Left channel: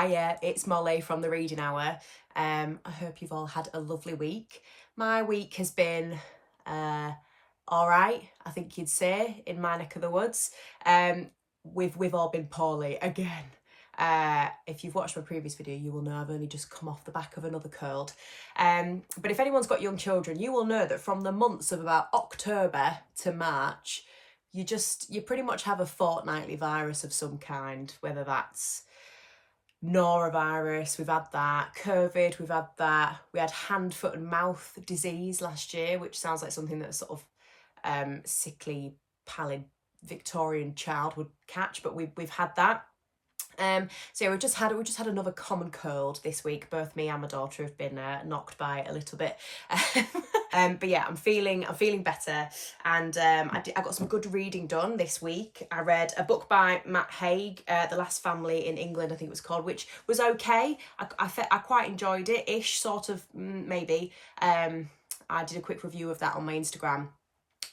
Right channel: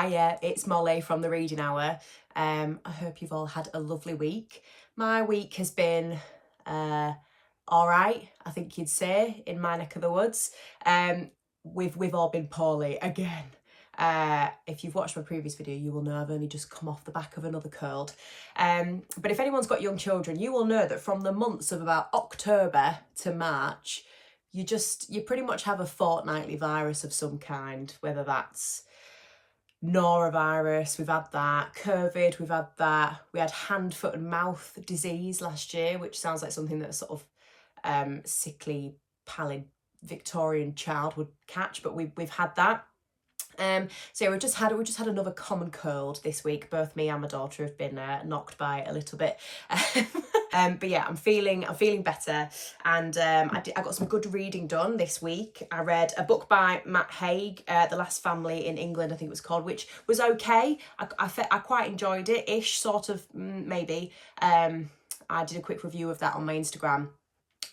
Hiya, it's Molly from the Reading Hour. I hope you've all had a lovely week. My week has been all right, I think you'd say, in my neck of the woods. We've all been poorly again. If you've watched my previous video, you will know I've only just come off the back of another cold. But if anyone's got young children, you will know that from the months of about October to March, you pretty much have a fortnightly virus of some kind, whether that's norovirus, we've had that, COVID, we've had that, we had hand, foot and mouth disease last year, which sounds like something that a sort of sickly, pallid Victorian child would catch, but we've had that. So yeah, we've just had another common cold this week. Both me and my daughter have been knocked by a little bit. But yeah, I'm feeling better, and I got some good reading done this week. I read a book by Matt Haig, The Last Family in England, I think it was called, which was okay. I quite enjoyed it, ish, sort of, maybe. I did a quick review of that on my Instagram.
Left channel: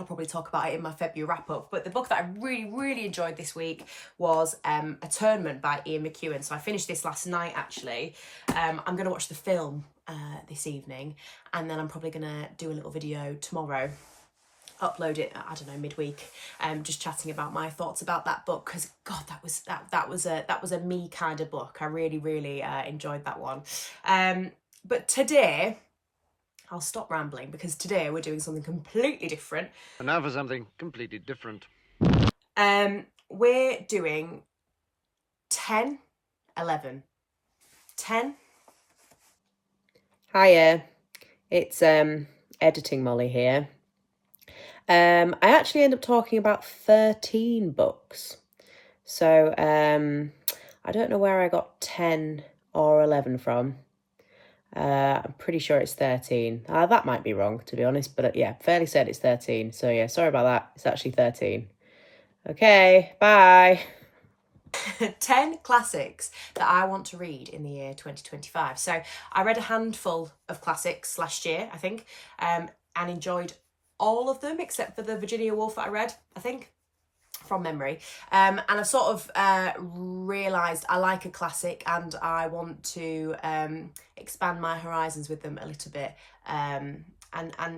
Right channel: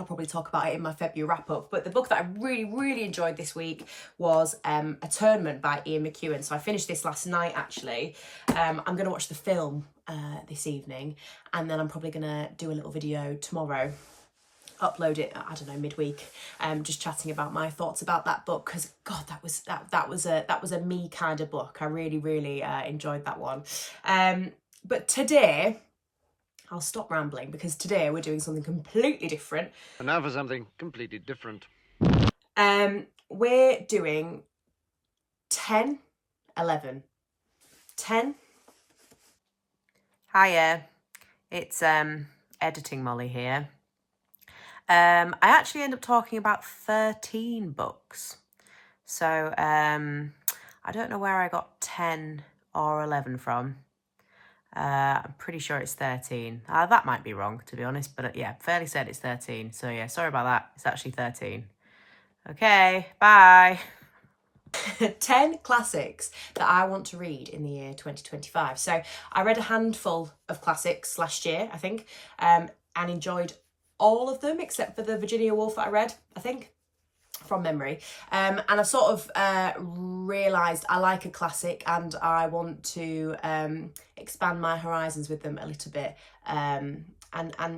I'll probably talk about it in my February wrap-up. But the book that I really enjoyed this week was Atonement by Ian McEwan. So I finished this last night, actually. I'm going to watch the film this evening, and then I'm probably going to do a little video tomorrow, upload it, I don't know, midweek, just chatting about my thoughts about that book, because God, that was a me kind of book. I really enjoyed that one. But today, I'll stop rambling, because today we're doing something completely different. And now for something completely different. We're doing 10, 11. 10. Hiya, it's editing Molly here. I actually end up talking about 13 books. So I don't know where I got 10 or 11 from. I'm pretty sure it's 13. That might be wrong, to be honest, but yeah, fairly certain it's 13. So yeah, sorry about that. It's actually 13. Okay, bye. 10 classics that I want to read in the year 2025. So I read a handful of classics last year, I think, and enjoyed all of them except for the Virginia Woolf that I read, I think, from memory. And I've sort of realised I like a classic, and I want to expand my horizons with them a little bit, and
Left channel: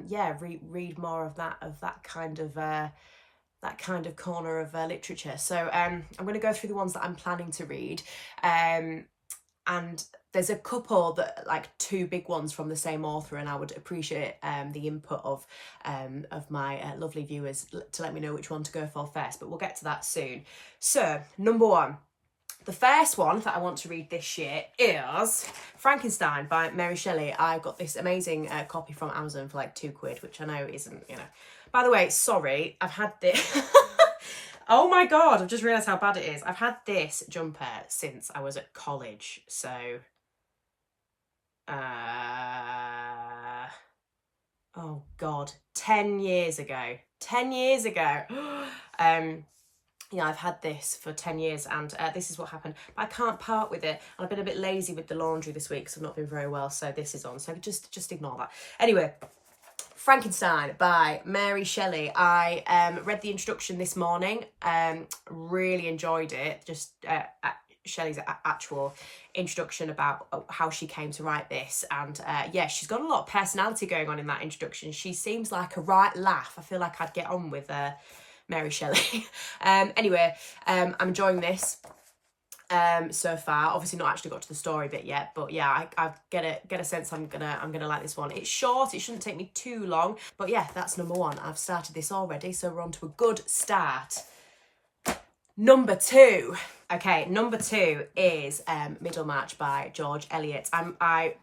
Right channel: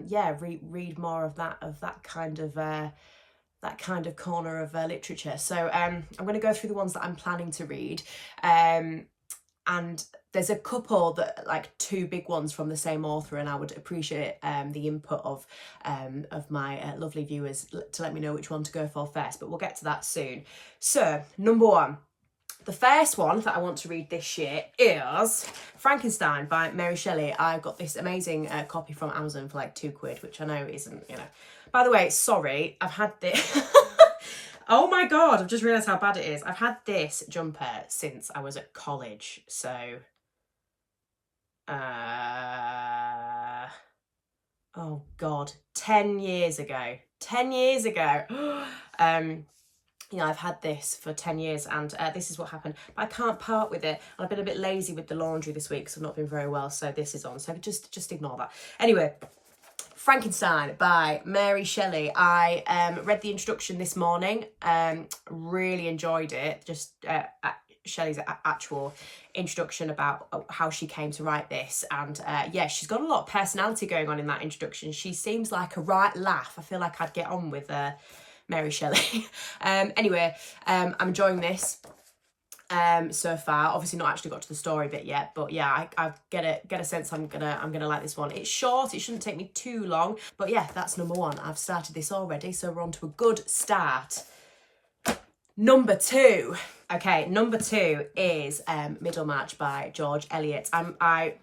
yeah, read more of that kind of corner of literature. So I'm going to go through the ones that I'm planning to read, and there's a couple that, like, two big ones from the same author, and I would appreciate the input of my lovely viewers to let me know which one to go for first, but we'll get to that soon. So, number one. The first one that I want to read this year is Frankenstein by Mary Shelley. I got this amazing copy from Amazon for like £2, which I know isn't, you know. By the way, sorry, I've had this... Oh my God, I've just realised how bad it is. I've had this jumper since I was at college, so... oh God, 10 years ago. 10 years ago. Yeah, I've had this for 10 years, and this is what happened. But I can't part with it. I've been a bit lazy with the laundry this week, so I've not been very well, so this is on. So just ignore that. Anyway, Frankenstein by Mary Shelley. I read the introduction this morning. Really enjoyed it. Just Shelley's actual introduction about how she came to write this, and yeah, she's got a lot of personality going on in that introduction. She seems like a right laugh. I feel like I'd get on with Mary Shelley. Anyway, I'm enjoying this so far. Obviously not actually got to the story bit yet, but yeah, I get a sense I'm gonna like this one. It's short, it shouldn't take me too long, but yeah, that's number one. I've started this already, so we're on to a good start. Number two. Okay, number two is Middlemarch by George Eliot. I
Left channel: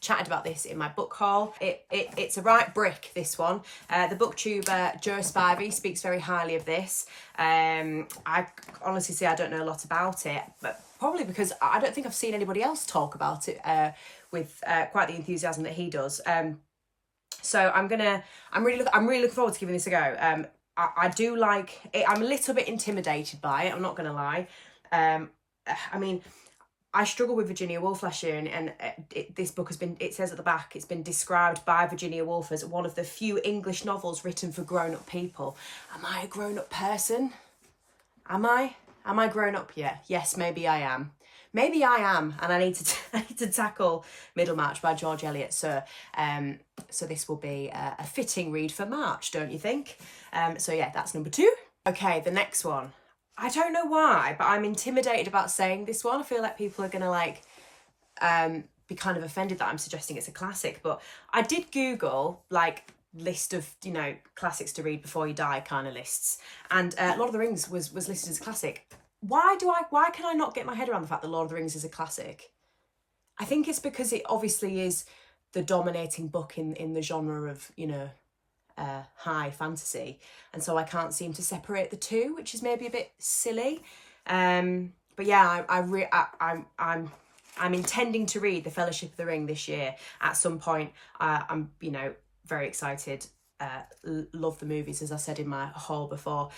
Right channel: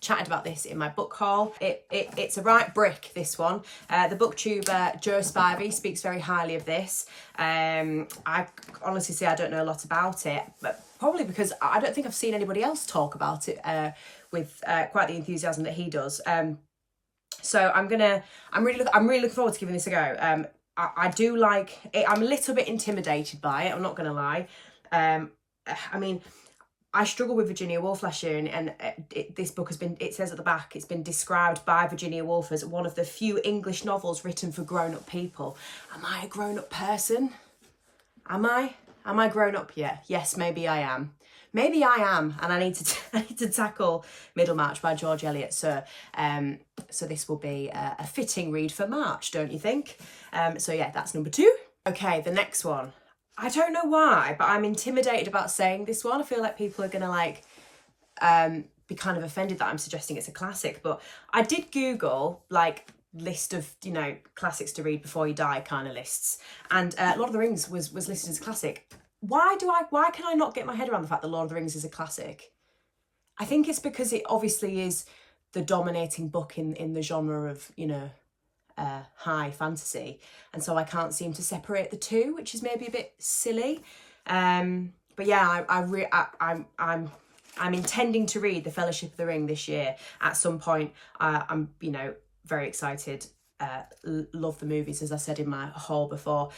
chatted about this in my book haul. It's a right brick, this one. The booktuber Joe Spivey speaks very highly of this. I honestly say I don't know a lot about it, but probably because I don't think I've seen anybody else talk about it with quite the enthusiasm that he does. So I'm really looking forward to giving this a go. I do like it. I'm a little bit intimidated by it, I'm not gonna lie. I mean, I struggled with Virginia Woolf last year, and this book has been, it says at the back, it's been described by Virginia Woolf as one of the few English novels written for grown-up people. Am I a grown-up person? Am I grown up yet? Yes, maybe I am. maybe I am, and I need to tackle Middlemarch by George Eliot. So this will be a fitting read for March, don't you think? So yeah, that's number 2. Okay, the next one. I don't know why, but I'm intimidated about saying this one. I feel like people are gonna like be kind of offended that I'm suggesting it's a classic. But I did Google like list of, you know, classics to read before you die kind of lists, and Lord of the Rings was listed as a classic. Why can I not get my head around the fact that Lord of the Rings is a classic? I think it's because it obviously is the dominating book in the genre of, you know, high fantasy, and so I can't seem to separate the two, which is maybe a bit silly. But yeah, I'm intending to read The Fellowship of the Ring this year at some point. I'm, you know, very excited. Love the movies, as I said in my haul before.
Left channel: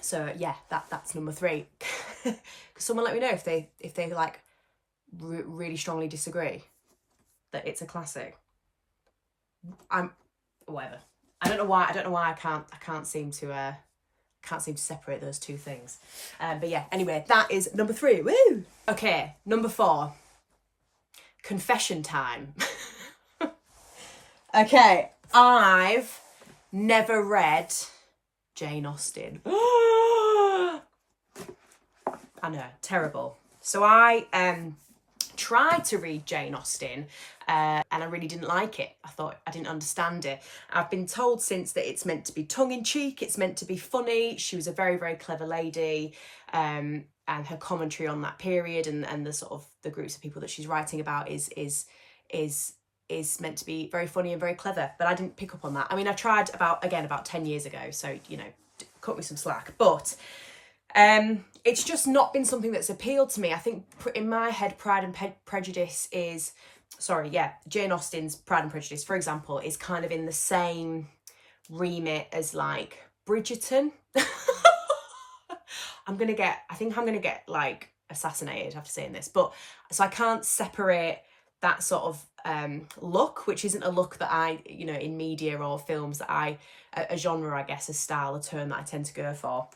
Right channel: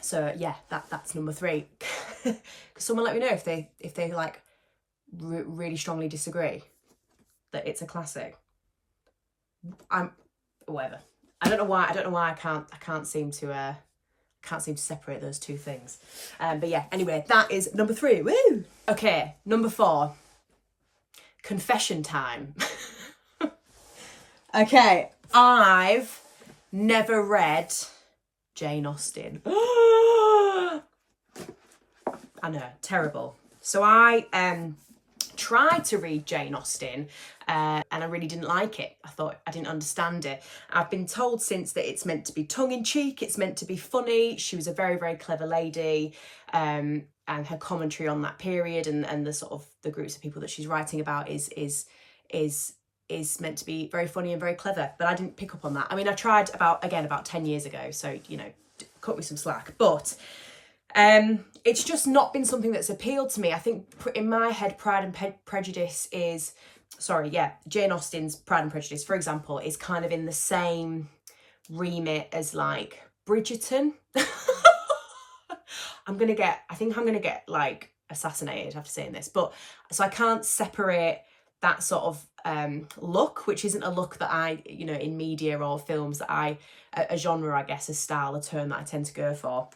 So yeah, that's number 3. Could someone let me know if they like really strongly disagree that it's a classic? Whatever. I don't know why I can't seem to separate those two things. But yeah, anyway, that is number 3. Woo! Okay, number 4. Confession time. Okay, I've never read Jane Austen. I know, terrible. So I tried to read Jane Austen and I really didn't like it. I thought I didn't understand it. I've been told since that it's meant to be tongue-in-cheek, it's meant to be funny. She was a very, very clever lady, and her commentary on that period and the sort of the groups of people that she's writing about is meant to be very funny and very clever, but I didn't pick up on that. I mean, I tried about 10 years ago, so, you know, cut me some slack, but it's just not been something that's appealed to me. I think in my head, Pride and Prejudice is, Jane Austen's Pride and Prejudice, for example, is kind of in the same remit as like Bridgerton. I think I'm gonna get like assassinated after saying this, but so I can't separate that sort of look, which isn't a look that I, you know, in media or films that a genre, I guess, a style, a term that I tend to go for.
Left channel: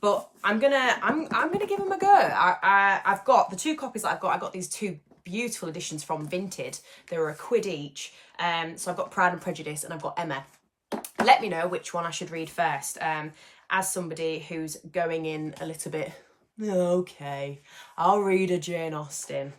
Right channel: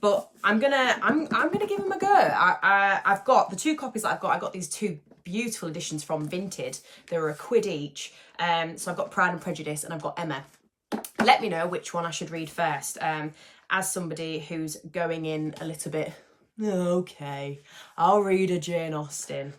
But I'm gonna give them a go. I've got the 2 copies that I got these 2 beautiful editions from Vinted. They were £1 each. So I've got Pride and Prejudice and I've got Emma. Let me know which one I should read first. As somebody who's going in a little bit, okay, I'll read a Jane Austen.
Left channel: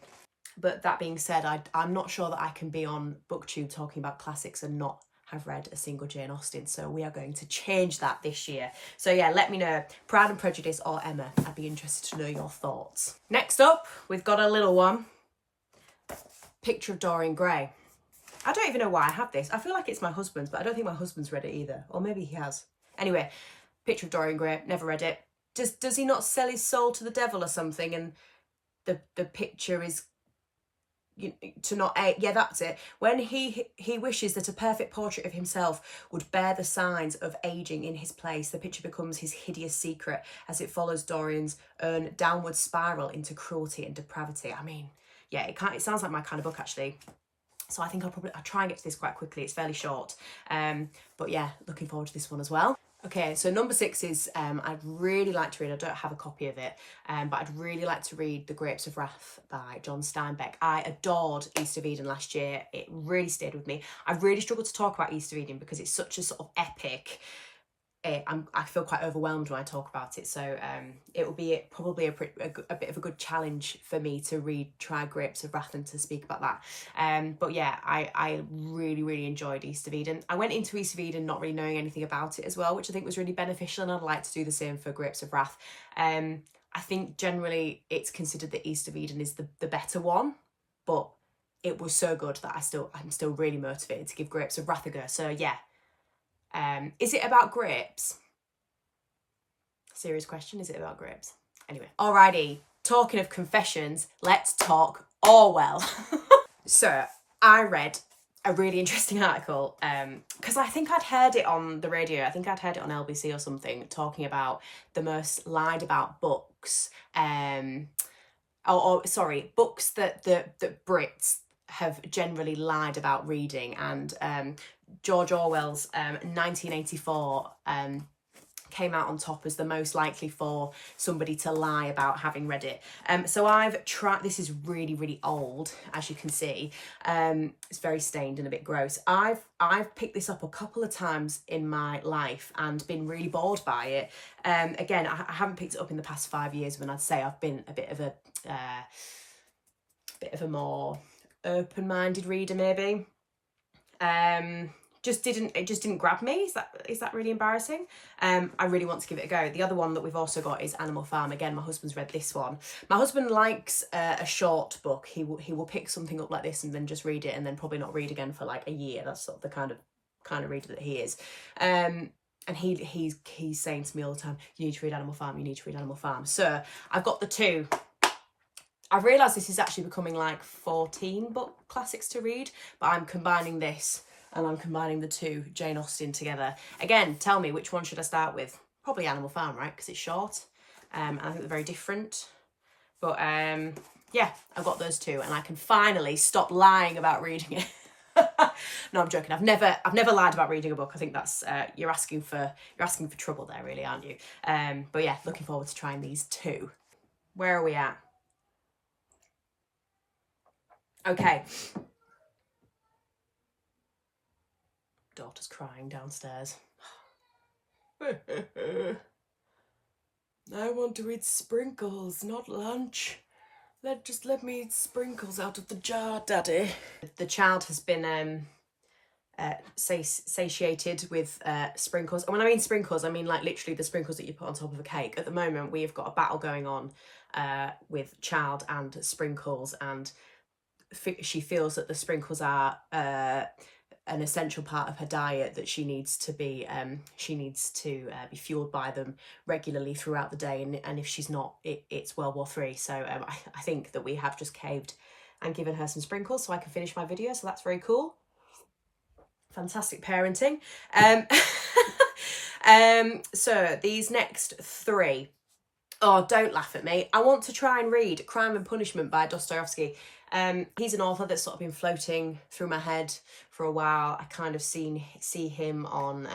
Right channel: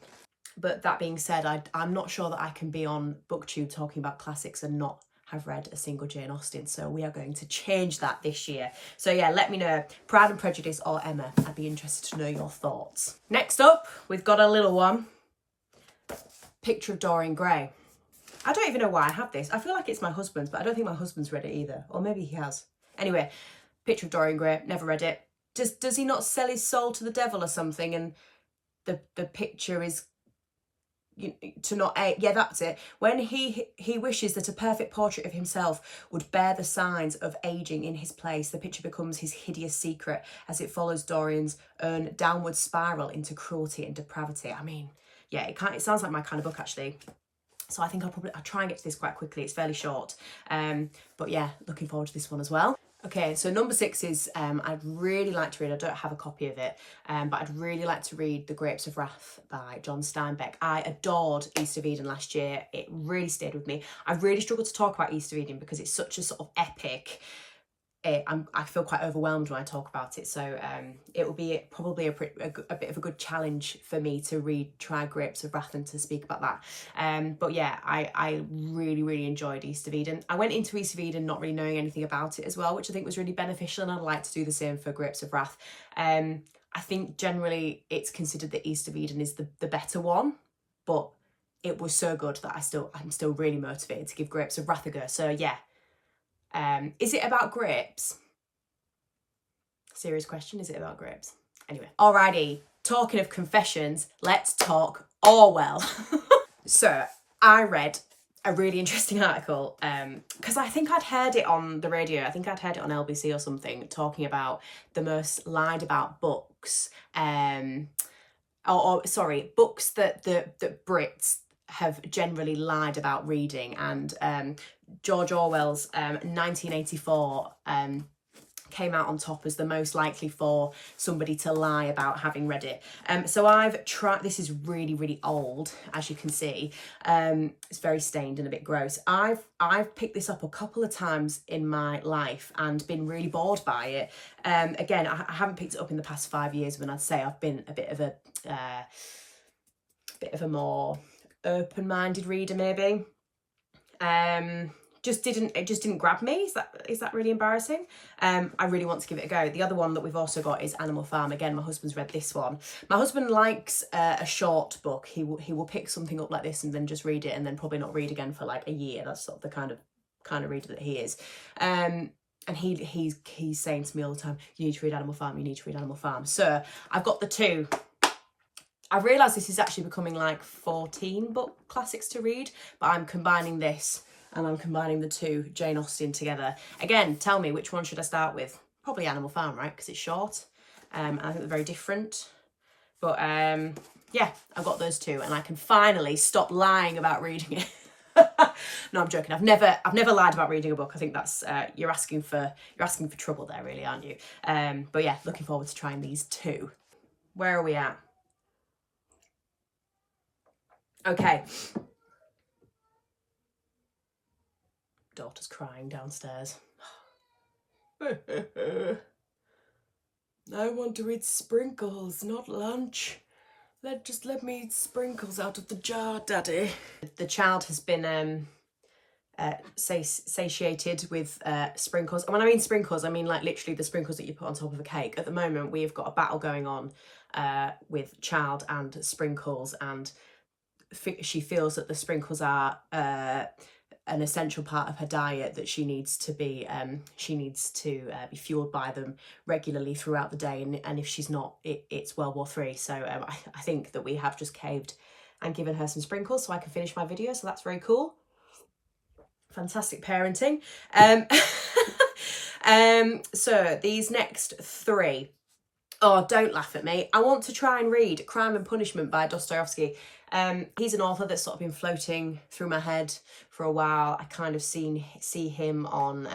But that being said, I'm not sure that I can be on BookTube talking about classics and not have read a single Jane Austen. So we are going to change that this year. So yeah, let me know, Pride and Prejudice or Emma. I'd be interested to know your thoughts. Next up, we've got a little one. Picture of Dorian Gray. I don't even know why I have this. I feel like it's my husband's, but I don't think my husband's read it either. Or maybe he has. Anyway, Picture of Dorian Gray, never read it. Does he not sell his soul to the devil or something? And the picture is to not age. Yeah, that's it. When he wishes that a perfect portrait of himself would bear the signs of aging in his place, the picture becomes his hideous secret as it follows Dorian's own downward spiral into cruelty and depravity. I mean, yeah, it sounds like my kind of book, actually. So I think I'll try and get to this quite quickly. It's fairly short. But yeah, looking forward to this one as well. Okay, so number 6 is, I'd really like to read, I don't have a copy of it, but I'd really like to read The Grapes of Wrath by John Steinbeck. I adored East of Eden last year. It really stayed with me. I really struggled to talk about East of Eden because it's such a sort of epic. I feel quite overwhelmed when I talk about it, so it will be probably a bit of a good challenge for me to try Grapes of Wrath and to speak about that. But yeah, I really, really enjoyed East of Eden. I went into East of Eden not really knowing anything about it as well, which I think was really beneficial, and I'd like to do the same for Grapes of Wrath. I think generally it's considered that East of Eden is the better one, but it was so good that I'm still really motivated to give Grapes of Wrath a go. So yeah. Is it about grapes? Serious question, is it about grapes? Anyway, alrighty, talking of confessions, let's talk Orwell. So I read a really interesting article because I think I'd heard it on the radio. I think I'd heard it on LBC or something, talking about the most lied about books, books that Brits have generally lied about reading, and George Orwell's 1984 came out on top as the most likely for somebody to lie about having read it. So I've tried, this is really, really old, as you can see. It's very stained and a bit gross. I've picked this up a couple of times in my life and been really bored by it. Again, I haven't picked it up in the past 5 years when I'd say I've been a bit of a more open-minded reader, maybe. It just didn't grab me. Is that really embarrassing? I really want to give it a go. The other one that we've also got is Animal Farm. Again, my husband's read this one. My husband likes a short book. He will pick something up like this and then just read it and then probably not read again for like a year. That's sort of the kind of reader that he is. And he's saying to me all the time, you need to read Animal Farm, you need to read Animal Farm. So I've got the two. I've realised this is actually becoming like 14 book classics to read, but I'm combining this and I'm combining the two Jane Austen together. Again, tell me, which one should I start with? Probably Animal Farm, right? Because it's short. And I think they're very different. But yeah, I've got those two and I can finally stop lying about reading it. No, I'm joking. I've never lied about reading a book. I think that's you're asking for trouble there, really, aren't you? But yeah, looking forward to trying these two. Where are we at? Okay. Daughter's crying downstairs. I want to eat sprinkles, not lunch. Just let me eat sprinkles out of the jar, Daddy. The child has been satiated with sprinkles. And when I mean sprinkles, I mean like literally the sprinkles that you put on top of a cake. At the moment, we have got a battle going on with child and sprinkles, and she feels that the sprinkles are an essential part of her diet, that she needs to be fueled by them regularly throughout the day, and if she's not, it's World War III. So I think that we have just caved and given her some sprinkles so I can finish my video, so that's very cool. Fantastic parenting. So these next three, oh, don't laugh at me. I want to try and read Crime and Punishment by Dostoyevsky. He's an author that's sort of been floating through my head for a while. I kind of see him on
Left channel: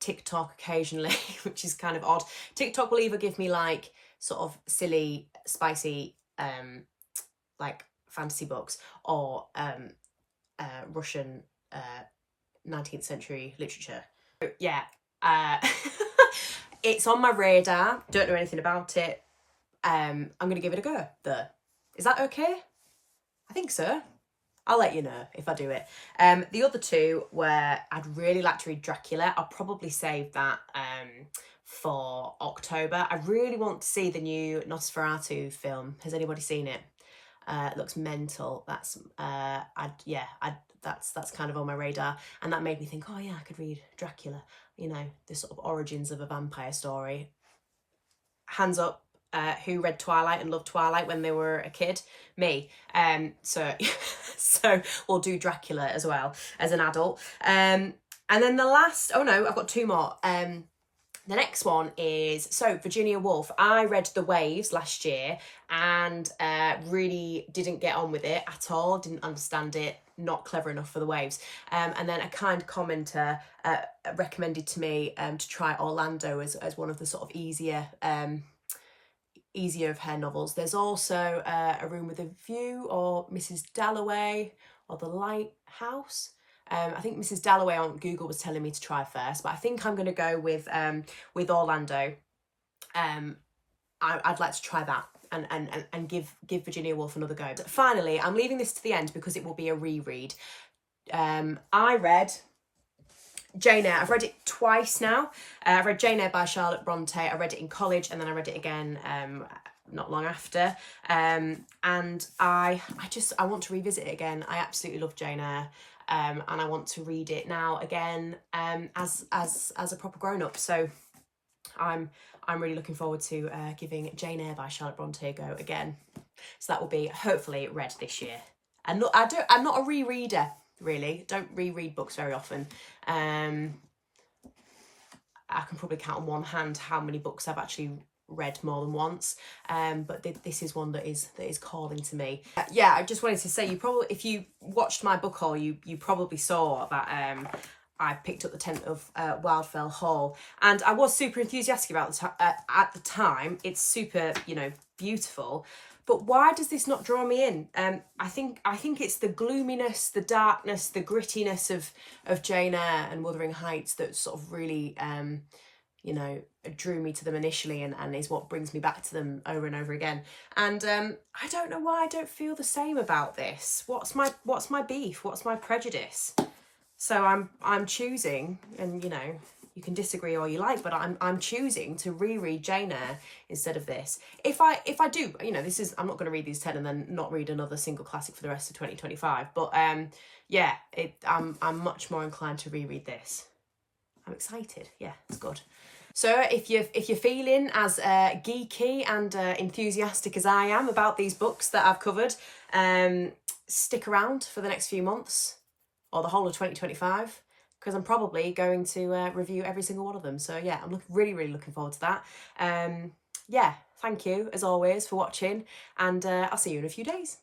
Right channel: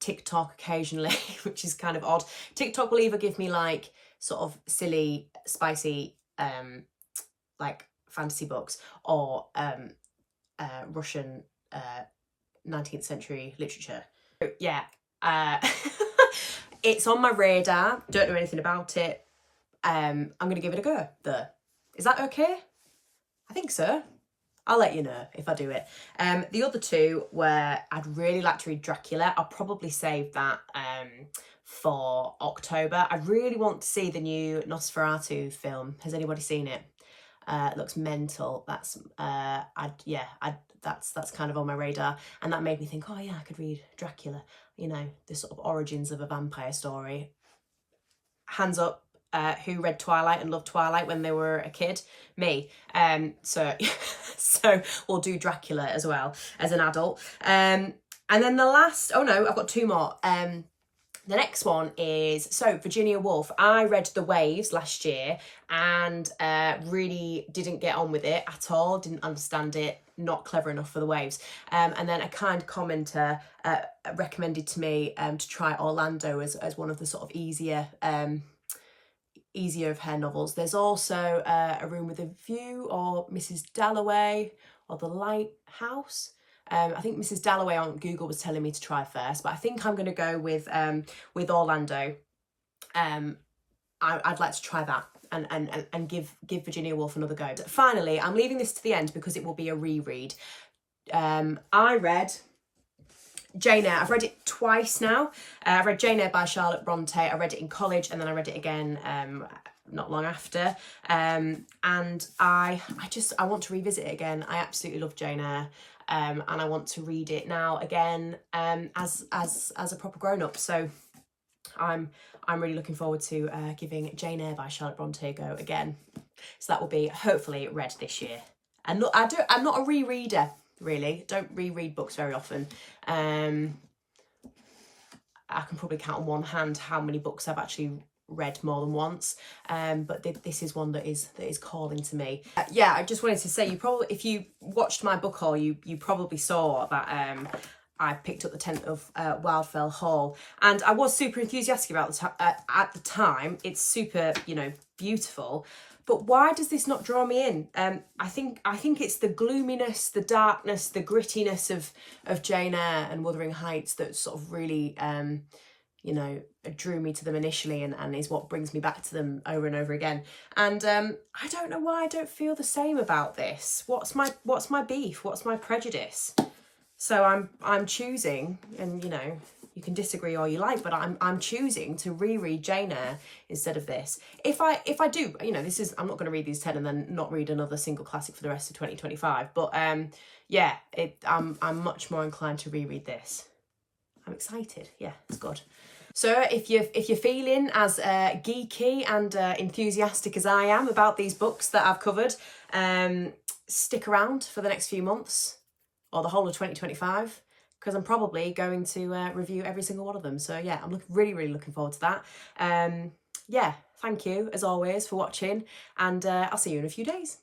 TikTok occasionally, which is kind of odd. TikTok will either give me like sort of silly, spicy, like fantasy books, or Russian 19th century literature. So, yeah, it's on my radar. Don't know anything about it. I'm going to give it a go, though. Is that okay? I think so. I'll let you know if I do it. The other two were, I'd really like to read Dracula. I'll probably save that for October. I really want to see the new Nosferatu film. Has anybody seen it? It looks mental. That's that's kind of on my radar, and that made me think, oh yeah, I could read Dracula. You know, the sort of origins of a vampire story. Hands up. Who read Twilight and loved Twilight when they were a kid? Me. So we'll do Dracula as well as an adult. And then the last, oh no, I've got two more. The next one is, so Virginia Woolf. I read The Waves last year and really didn't get on with it at all. Didn't understand it. Not clever enough for The Waves. And then a kind commenter recommended to me to try Orlando as one of the sort of easier of her novels. There's also A Room with a View, or Mrs. Dalloway, or The Lighthouse. I think Mrs. Dalloway on Google was telling me to try first, but I think I'm going to go with Orlando. I'd like to try that and give Virginia Woolf another go. But finally, I'm leaving this to the end because it will be a reread. I read Jane Eyre. I've read it twice now. I've read Jane Eyre by Charlotte Bronte. I read it in college and then I read it again not long after. And I want to revisit it again. I absolutely love Jane Eyre. And I want to read it now again as a proper grown-up. So I'm really looking forward to giving Jane Eyre by Charlotte Bronte a go again. So that will be hopefully read this year. And look, I'm not a rereader, really. Don't reread books very often. I can probably count on one hand how many books I've actually read more than once, but this is one that is calling to me. Yeah, I just wanted to say, if you watched my book haul, you probably saw that I picked up the Tenant of Wildfell Hall, and I was super enthusiastic about at the time. It's super, you know, beautiful. But why does this not draw me in? I think it's the gloominess, the darkness, the grittiness of Jane Eyre and Wuthering Heights that sort of really, you know, drew me to them initially, and is what brings me back to them over and over again. And I don't know why I don't feel the same about this. What's my beef? What's my prejudice? So I'm choosing, and you know, you can disagree all you like, but I'm choosing to reread Jane Eyre instead of this. If I do, you know, I'm not going to read these 10 and then not read another single classic for the rest of 2025. But yeah, I'm much more inclined to reread this. I'm excited. Yeah, it's good. So if you're feeling as geeky and enthusiastic as I am about these books that I've covered, stick around for the next few months or the whole of 2025, because I'm probably going to review every single one of them. So yeah, I'm really looking forward to that. Yeah, thank you as always for watching, and I'll see you in a few days.